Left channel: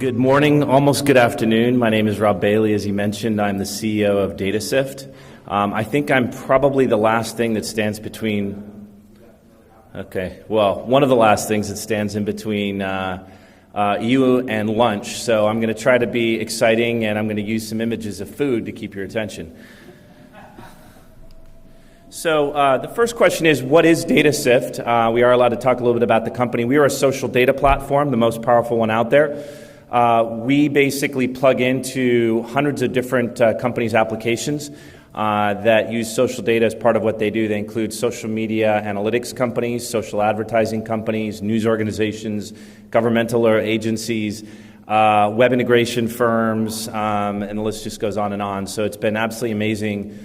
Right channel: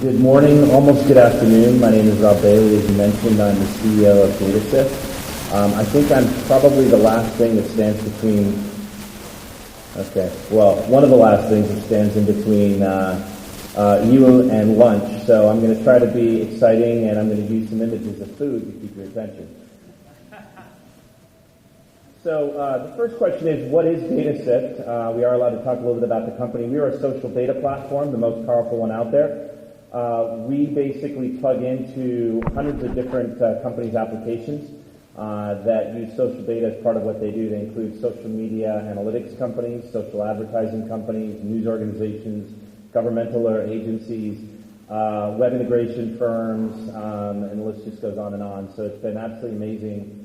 Good morning, almost good afternoon. My name is Rob Bailey. As you mentioned, I'm the CEO of datasift. I think I'm probably the last thing that stands between, one of the last things that stands in between you and lunch. So I'm going to try to be exciting, and I'm going to use some images of food to keep your attention. So the first question is, what is datasift? We are allowed to talk a little bit about the company. We are a social data platform, the most powerful one out there. We basically plug into hundreds of different companies' applications that use social data as part of what they do. They include social media analytics companies, social advertising companies, news organizations, governmental or agencies, web integration firms, and the list just goes on and on. So it's been absolutely amazing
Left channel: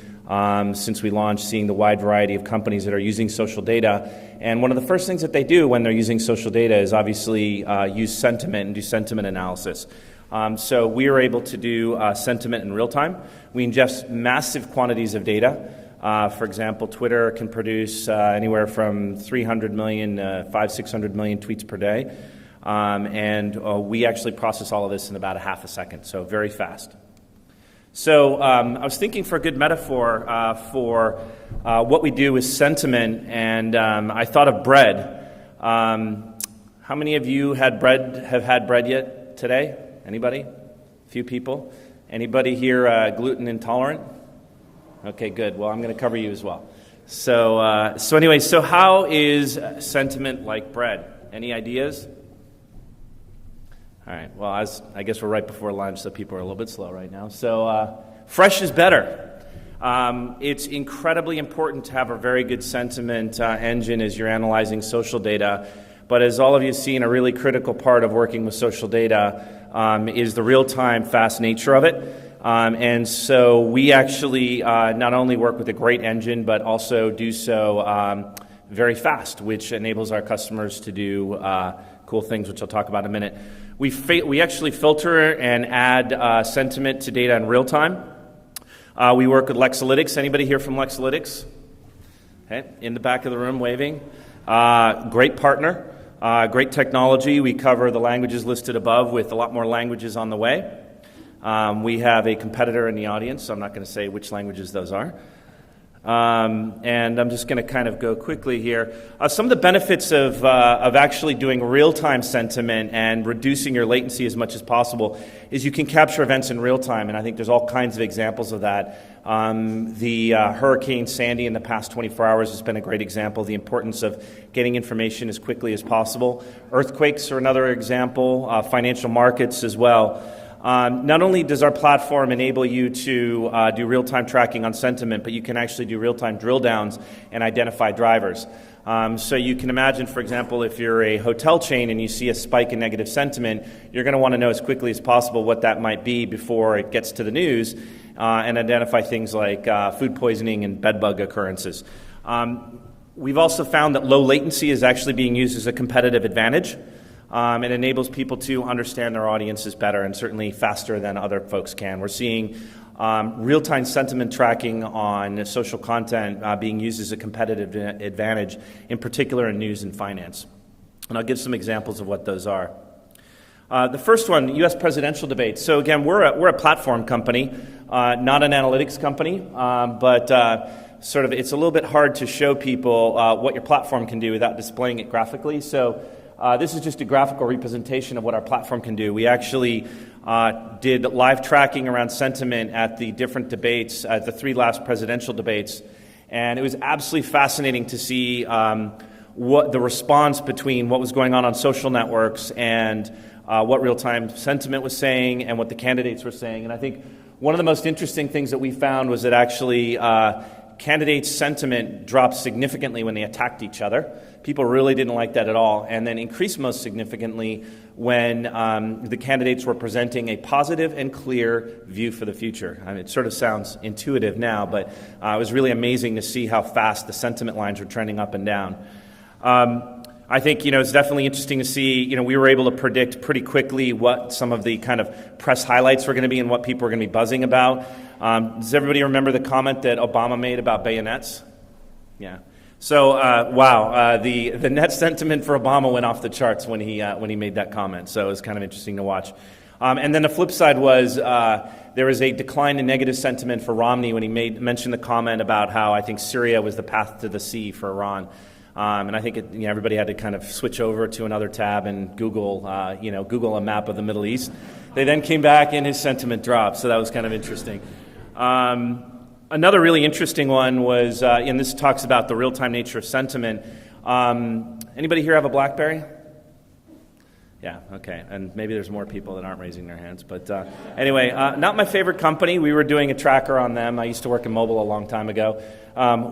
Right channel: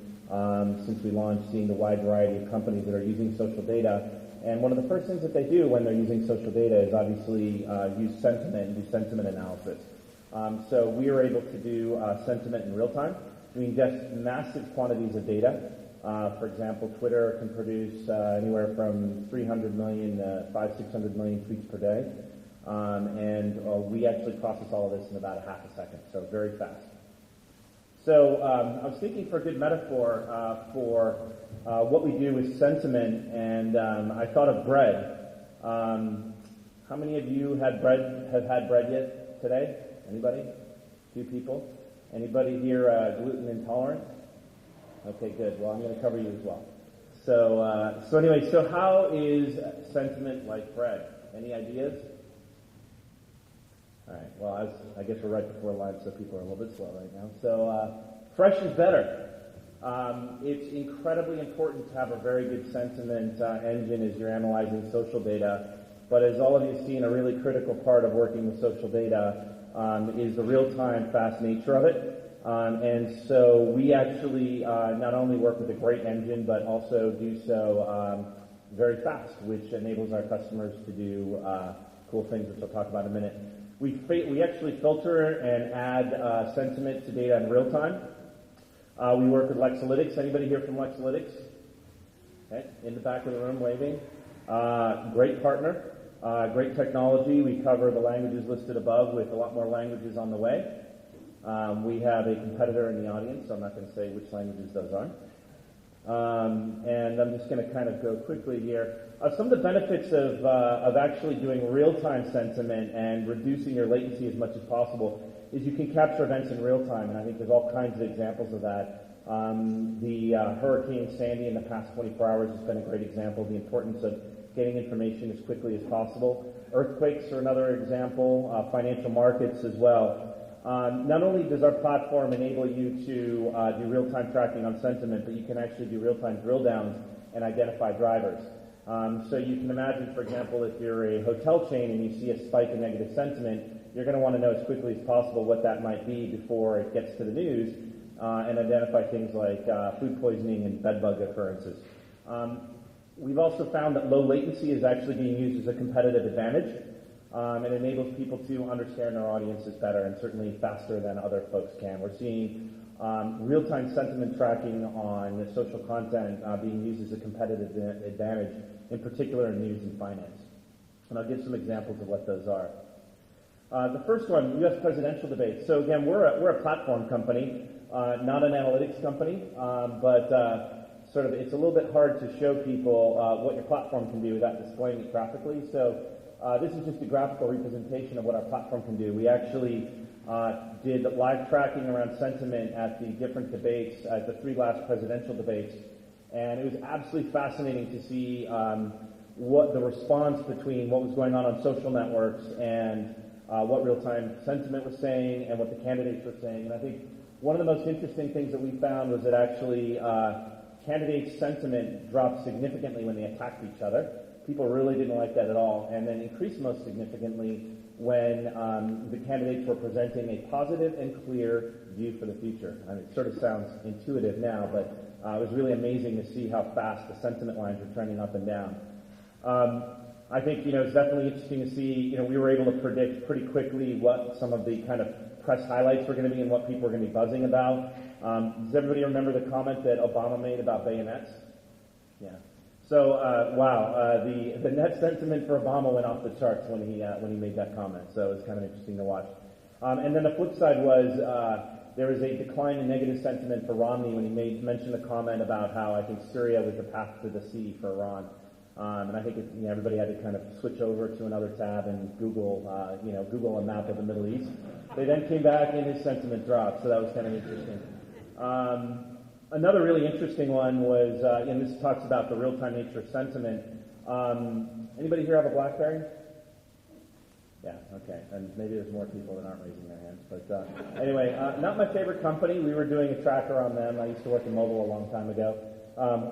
since we launched, seeing the wide variety of companies that are using social data. And one of the first things that they do when they're using social data is obviously use sentiment and do sentiment analysis. So we are able to do sentiment in real time. We ingest massive quantities of data. For example, Twitter can produce anywhere from 300 million, 500-600 million tweets per day. And we actually process all of this in about a half a second, so very fast. So I was thinking for a good metaphor for what we do with sentiment, and I thought of bread. How many of you have had bread yet today? Anybody? A few people? Anybody here gluten intolerant? Okay, good. Well, I'm going to cover you as well. So anyway, so how is sentiment like bread? Any ideas? All right, well, I guess we're right before lunch, so people are a little bit slow right now. So fresh is better. It's incredibly important to have a very good sentiment engine as you're analyzing social data. But as all of you have seen, a really critical part of working with social data is the real-time, fast nature of it. And so we actually not only work with a great engine, but also do so very fast, which enables our customers to do cool things, which I'll talk about in a minute. We actually filter and add sentiment to data in real time. We work with Lexalytics. Anybody here from Lexalytics? Okay, in the back of the room waving. Great partner, great technology. We cover the languages listed above with a lot more languages on the way. We have a competitor in the audience, so I'm not going to say which languages those are. And I'm just going to kind of go quickly here. Some of the benefits of actually doing real-time sentiment and reducing your latency as much as possible is you can capture events in real time, and I think there's all kinds of examples of that. The Hurricane Sandy in the past 24 hours has been a great example of the importance of getting information as quickly as possible. Earthquakes are another example, financial markets as well. Not only does our platform enable you to do real-time tracking on sentiment, but you can actually do real-time drill downs and identify drivers. So you can imagine, for example, if you're a hotel chain and you see a spike in negative sentiment, you're going to want to know as quickly as possible what that might be before it gets to the news and identify things like food poisoning and bedbug occurrences. We've also found that low latency is actually being used as a competitive advantage. It enables people to understand their audiences better and certainly faster than other folks can. We're seeing real-time sentiment tracking on social content being used as a competitive advantage, in particular in news and finance. And I'll give some examples of what those are. The first one, U.S. presidential debates. So again, we're a platform company, not an analytics company, but sort of it's a little bit hard to show people what your platform can do without displaying it graphically. So this is just a graphical representation of what our platform can do. We actually did live tracking around sentiment at the different debates, at the 3 last presidential debates, and it was absolutely fascinating to see what the response between what was going on social networks and what real-time sentiment was saying and what the candidates were saying. And I think one of the most interesting things that we found was that actually candidates' sentiment dropped significantly when they attacked each other. People really didn't like that at all, and then increased most significantly when the candidates were presenting a positive and clear view for the future. I mean, it sort of sounds intuitive now, but it was really amazing to see how fast the sentiment lines were trending up and down. I think, it's definitely interesting to see, we were able to predict pretty quickly what some of the kind of press highlights were going to be and what people were going to be buzzing about. Does everybody remember the comment that Obama made about bayonets? Yeah. So, the net sentiment for Obama went off the charts when he made that comment. So it was kind of interesting to watch. And then the flip side was there was a decline in negative sentiment for Romney when he mentioned the comment about how I think Syria was the path to the sea for Iran. And I think everybody had to kind of switch over to another tab and Google a map of the Middle East. They then came back and his sentiment dropped, so that was kind of interesting. Another really interesting one was, and this talks about the real-time nature of sentiment. Anybody here have a BlackBerry? Yeah, okay, and maybe there's more people that aren't raising their hands. But anyway, not my favorite company. We were doing a tracker on them. I used to work in mobile a long time ago.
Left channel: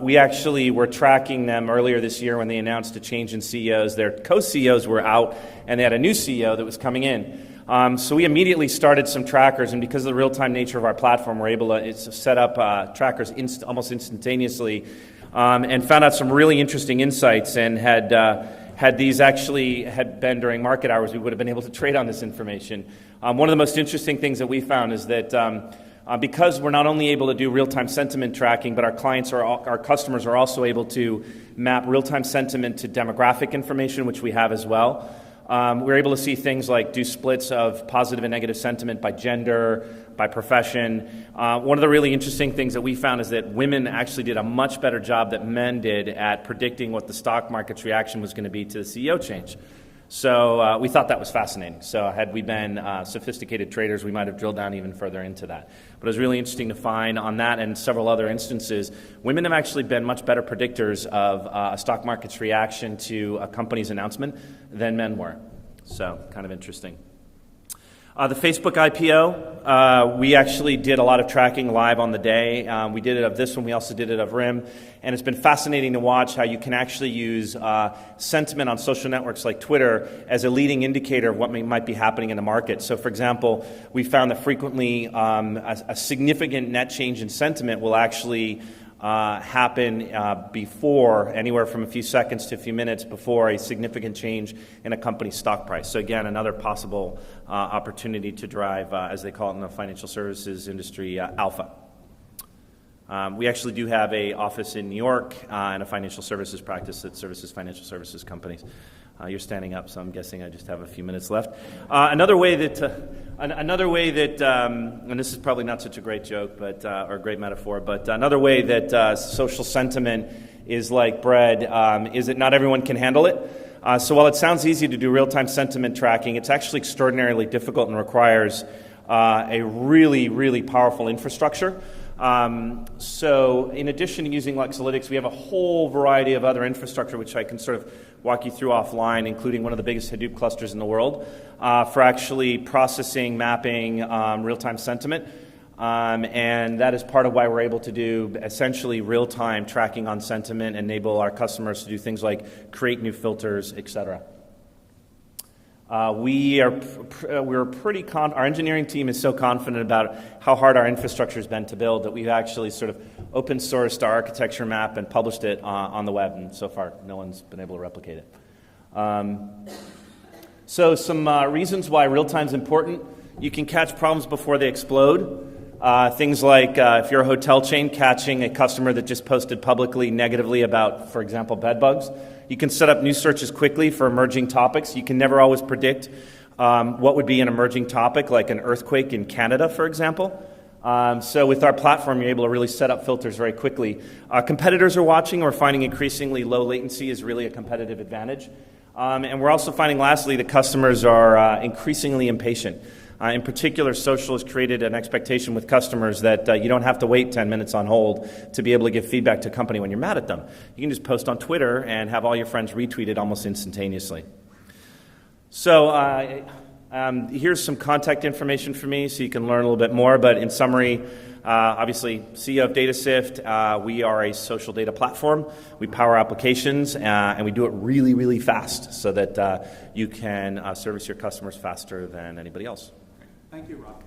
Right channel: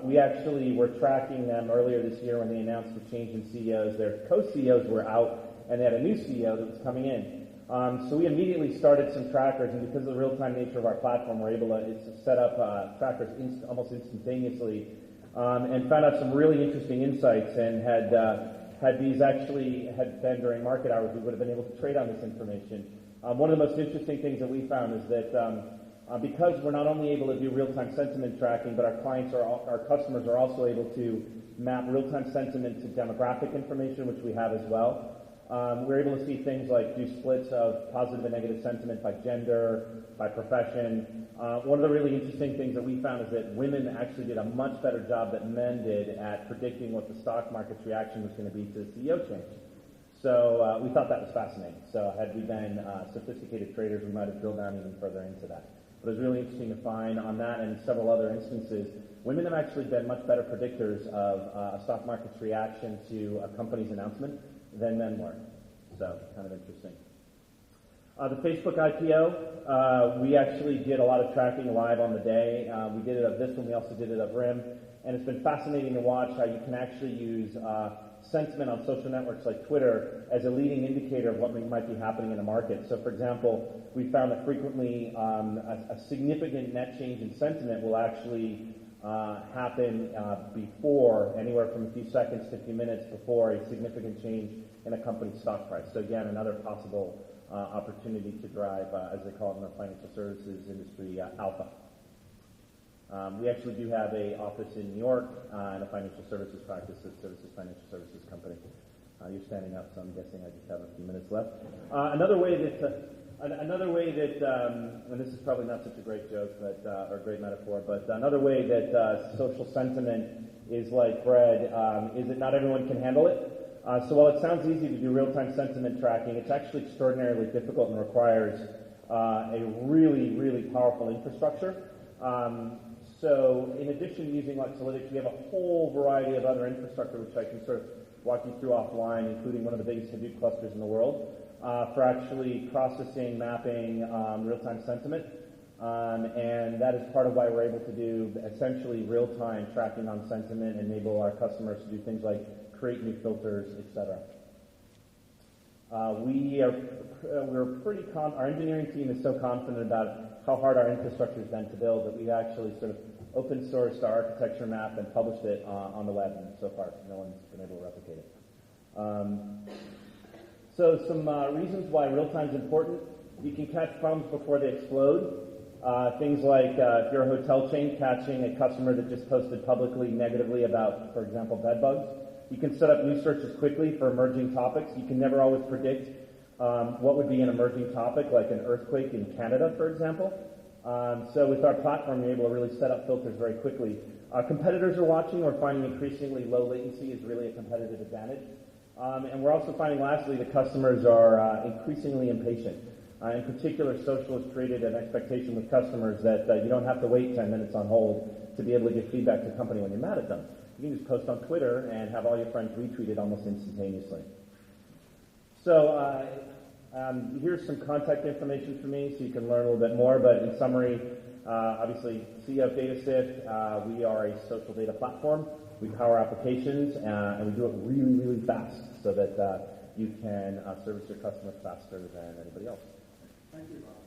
We actually were tracking them earlier this year when they announced a change in CEOs. Their co-CEOs were out, and they had a new CEO that was coming in. So we immediately started some trackers, and because of the real-time nature of our platform, we're able to set up trackers almost instantaneously, and found out some really interesting insights, and had these actually had been during market hours, we would have been able to trade on this information. One of the most interesting things that we found is that because we're not only able to do real-time sentiment tracking, but our customers are also able to map real-time sentiment to demographic information, which we have as well. We're able to see things like do splits of positive and negative sentiment by gender, by profession. One of the really interesting things that we found is that women actually did a much better job than men did at predicting what the stock market's reaction was going to be to the CEO change. So we thought that was fascinating. So had we been sophisticated traders, we might have drilled down even further into that. But it was really interesting to find on that and several other instances, women have actually been much better predictors of a stock market's reaction to a company's announcement than men were. So kind of interesting. The Facebook IPO, we actually did a lot of tracking live on the day. We did it of this one. We also did it of RIM. And it's been fascinating to watch how you can actually use sentiment on social networks like Twitter as a leading indicator of what might be happening in the market. So, for example, we found that frequently a significant net change in sentiment will actually happen before, anywhere from a few seconds to a few minutes before a significant change in a company's stock price. So again, another possible opportunity to drive, as they call it in the financial services industry, alpha. We actually do have an office in New York and a financial services practice that services financial services companies. You're standing up, so I'm guessing I just have a few minutes left. Another way that, and this is probably not such a great joke, but or a great metaphor, but another way that social sentiment is like bread is that not everyone can handle it. So while it sounds easy to do real-time sentiment tracking, it's actually extraordinarily difficult and requires a really, really powerful infrastructure. So in addition to using Luxalytics, we have a whole variety of other infrastructure which I can sort of walk you through offline, including one of the biggest Hadoop clusters in the world, for actually processing, mapping real-time sentiment. And that is part of why we're able to do essentially real-time tracking on sentiment, enable our customers to do things like create new filters, et cetera. Our engineering team is so confident about how hard our infrastructure has been to build that we've actually sort of open sourced our architecture map and published it on the web, and so far no one's been able to replicate it. So some reasons why real-time is important. You can catch problems before they explode. Things like if you're a hotel chain catching a customer that just posted publicly negatively about, for example, bed bugs. You can set up new searches quickly for emerging topics. You can never always predict what would be an emerging topic, like an earthquake in Canada, for example. So with our platform, you're able to really set up filters very quickly. Competitors are watching. We're finding increasingly low latency is really a competitive advantage. And we're also finding, lastly, that customers are increasingly impatient. In particular, social has created an expectation with customers that you don't have to wait 10 minutes on hold to be able to give feedback to a company when you're mad at them. You can just post on Twitter and have all your friends retweet it almost instantaneously. So here's some contact information for me so you can learn a little bit more. But in summary, obviously, CEO of datasift, we are a social data platform. We power applications, and we do it really, really fast so that you can service your customers faster than anybody else. Thank you, Rob.